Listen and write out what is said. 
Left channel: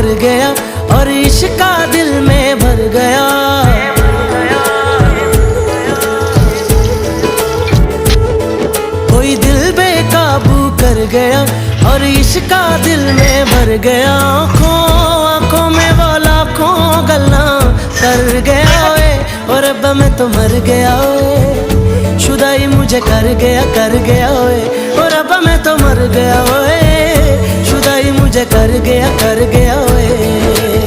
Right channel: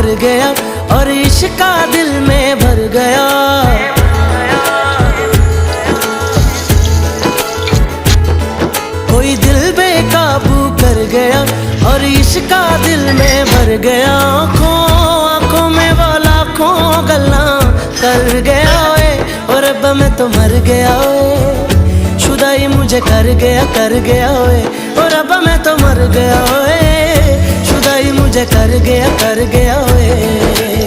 कर गया और इश्क दिल में भर गया। कोई दिल बेकाबू कर गया और इश्क दिल में भर गया। आँखों में वो लाखों गल्ला कर गया ओए, और अब मैं तो मर गया ओए। शुदाई मुझे कर गया ओए, और अब मैं तो मर गया ओए। शुदाई मुझे कर गया ओए।